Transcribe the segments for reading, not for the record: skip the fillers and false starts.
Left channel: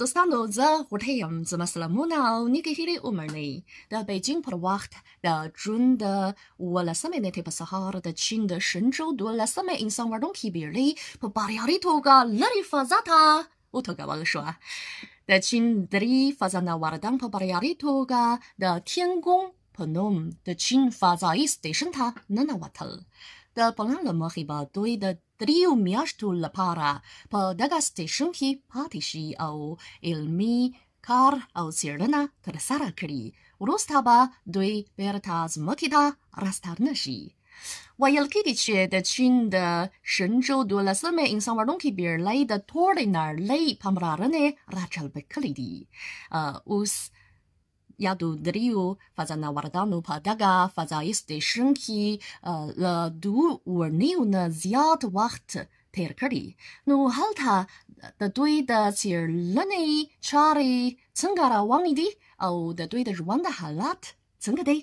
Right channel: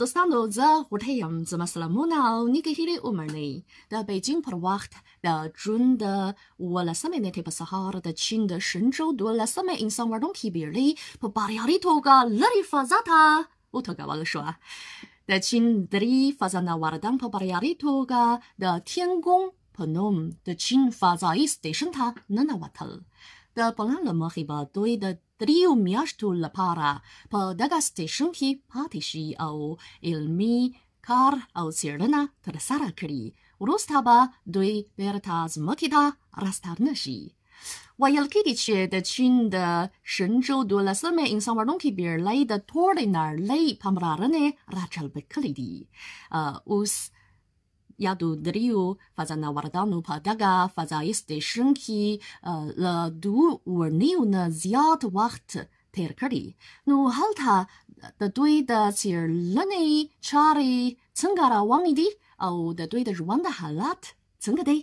دوستانو زه غوټۍ یم زما سلامونه او نیکې هیلې ومنئ د بیجینګ پر وخت د جون د 11 نیټې په سهار د چین د شنجو 12 انسان وړونکې بېړۍ په بریالي توګه لرې فضا ته وتوګول شوه. د چین 3 فضانوردان په بریالي توګه د تینګونګ په نوم د چین فضايي سټېشن ته ننوتل. د پلان له مخې به دوی د 3 میاشتو لپاره په دغه سټېشن کې پاتې شي او علمي کار او څېړنه ترسره کړي. وروسته به دوی بیرته ځمکې ته راستانه شي. ویل کېږي چې د چین د شنجو 12 انسان وړونکې بېړۍ د ټولې نړۍ پاملرنې راجلبې کړې دي. اوس یادو درېیو فضانوردانو په دغه فضايي سټېشن کې له 2 اونیو نه زیات وخت تیر کړی. نو هلته د دوی د څېړنې چارې څنګه روانې دي او د دوی د ژوند حالت څنګه دی؟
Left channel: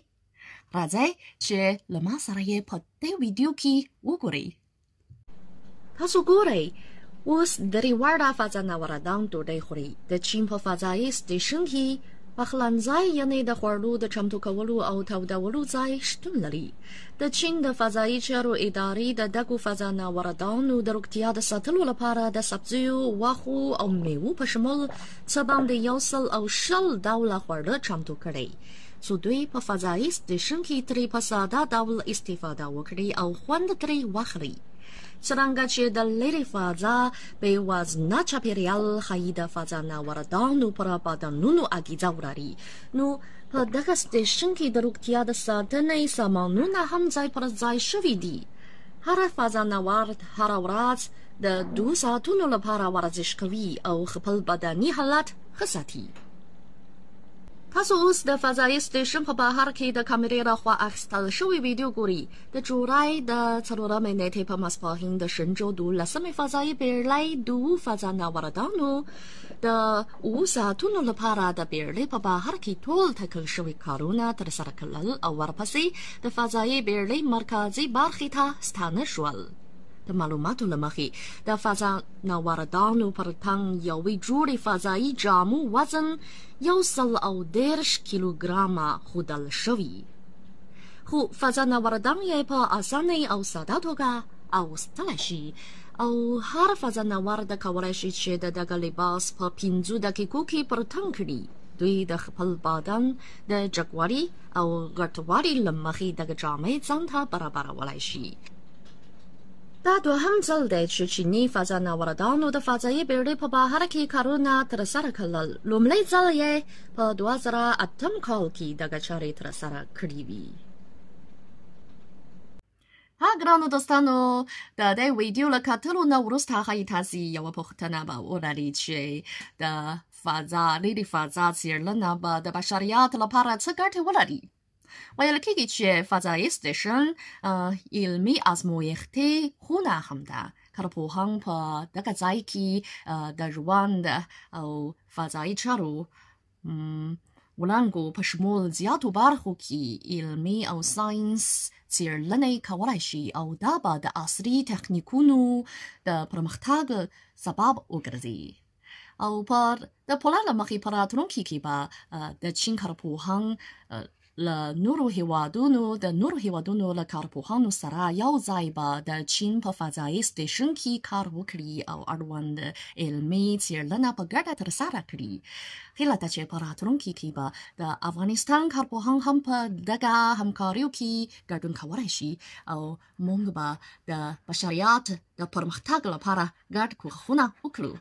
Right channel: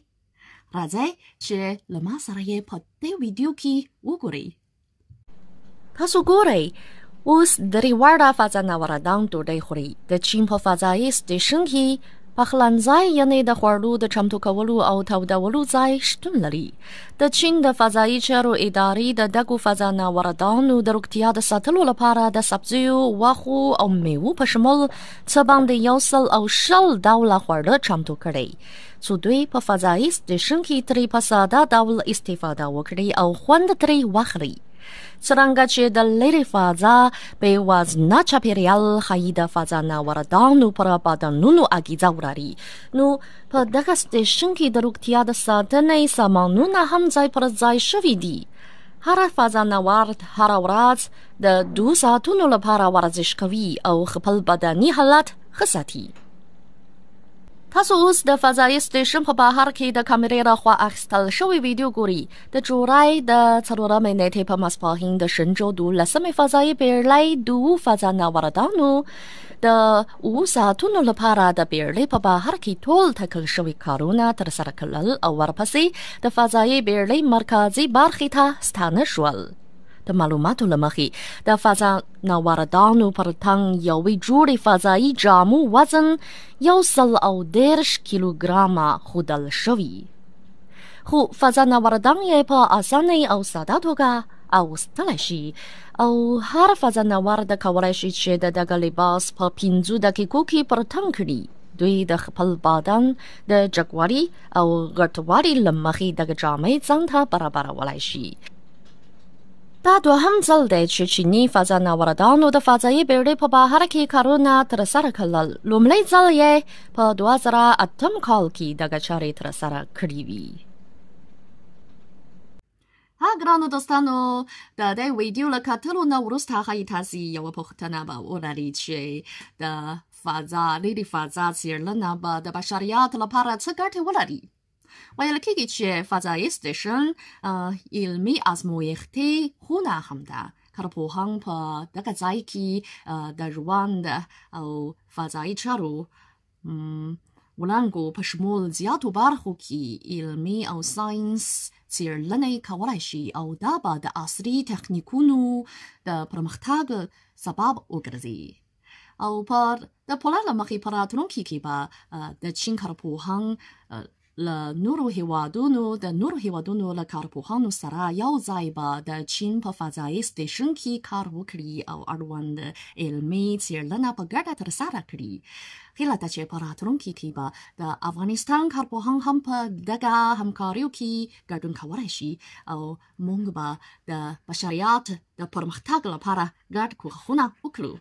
راځئ چې له ما سره یې په دې ویډیو کې وګورئ. تاسو ګورئ اوس درې واړه فضانوردان ډوډۍ خوري. د چین په فضايي سټېشن کې پخلنځای یعنې د خوړو د چمتو کولو او تودولو ځای شتون لري. د چین د فضايي چارو ادارې د دغو فضانوردانو د روغتیا د ساتلو لپاره د سبزیو، واښو او میوو په شمول څه باندې 120 ډوله خواړه چمتو کړي څو دوی په فضايي سټېشن کې ترې په ساده ډول استفاده وکړي او خوند ترې واخلي. څرنګه چې د ليري فضا بې وزنه چاپېریال ښایي د فضانوردانو پر بدنونو اغېزه ولري، نو په دغه سټېشن کې د روغتیا د ساتنې سامانونه هم ځای پر ځای شوي دي. هر فضانورد هره ورځ د 2 ساعتونو لپاره ورزش کوي او خپل بدني حالت ښه ساتي. تاسو اوس د فضايي سټېشن په بهر کې د کامرې راخوا اخیستل شوې ویډیو ګورئ. د جولای د 4 نیټې په ماسپښین د شنجو 12 فضايي بېړۍ 2 فضانوردانو د 2 ساعتونو لپاره د بېړۍ په بهر کې ټول ټاکل شوي کارونه ترسره کړل او ورپسې د فضايي بېړۍ مرکزي برخې ته ستانه شول. د معلوماتو له مخې د فضانوردانو پر تن یوې جوړې فضايي جامو وزن 110 کیلوګرامه ښودل شوي، خو فضانوردان یې په اسانۍ او ساده توګه اغوستلی شي او هر فضانورد کولی شي چې د دغه لباس په 5 دقیقو کې پر تن کړي. دوی د خپل بدن د جګوالي او غټوالي له مخې دغه جامې ځان ته برابرولی شي. دا دوهم ځل دی چې چیني فضانوردانو د فضايي بېړۍ په بهر کې کارونه ترسره کړل. لومړی ځل یې په 2008 کال کې دغه چارې ترسره کړې وي. ها ګرانو دوستانو، د دې ویډیو له کتلو نه وروسته ښایي تاسې یوه پوښتنه به ولرئ چې د ليري فضا څېړنه به د بشریت لپاره څه ګټې ولري. ویل کېږي چې فضايي سټېشن علمي ازمویښتي خونه هم ده. کارپوهان په دغه ځای کې د ژوند او فضايي چارو وړانګو په شمول زیاتو برخو کې علمي او ساینس څېړنې کولی شي او دا به د عصري تخنیکونو د پرمختګ سبب وګرځي. او د پلان له مخې په راتلونکي کې به د چین کارپوهان له نورو هیوادونو له کارپوهانو سره یو ځای به د چین په فضايي سټېشن کې کار وکړي او اړوند علمي څېړنه په ګډه ترسره کړي. هیله ده چې په راتلونکي کې به د افغانستان کارپوهان هم په دغه همکاریو کې ګډون کولی شي او موږ به د بشریت د پرمختګ لپاره ګډ کوښښونه وکړو.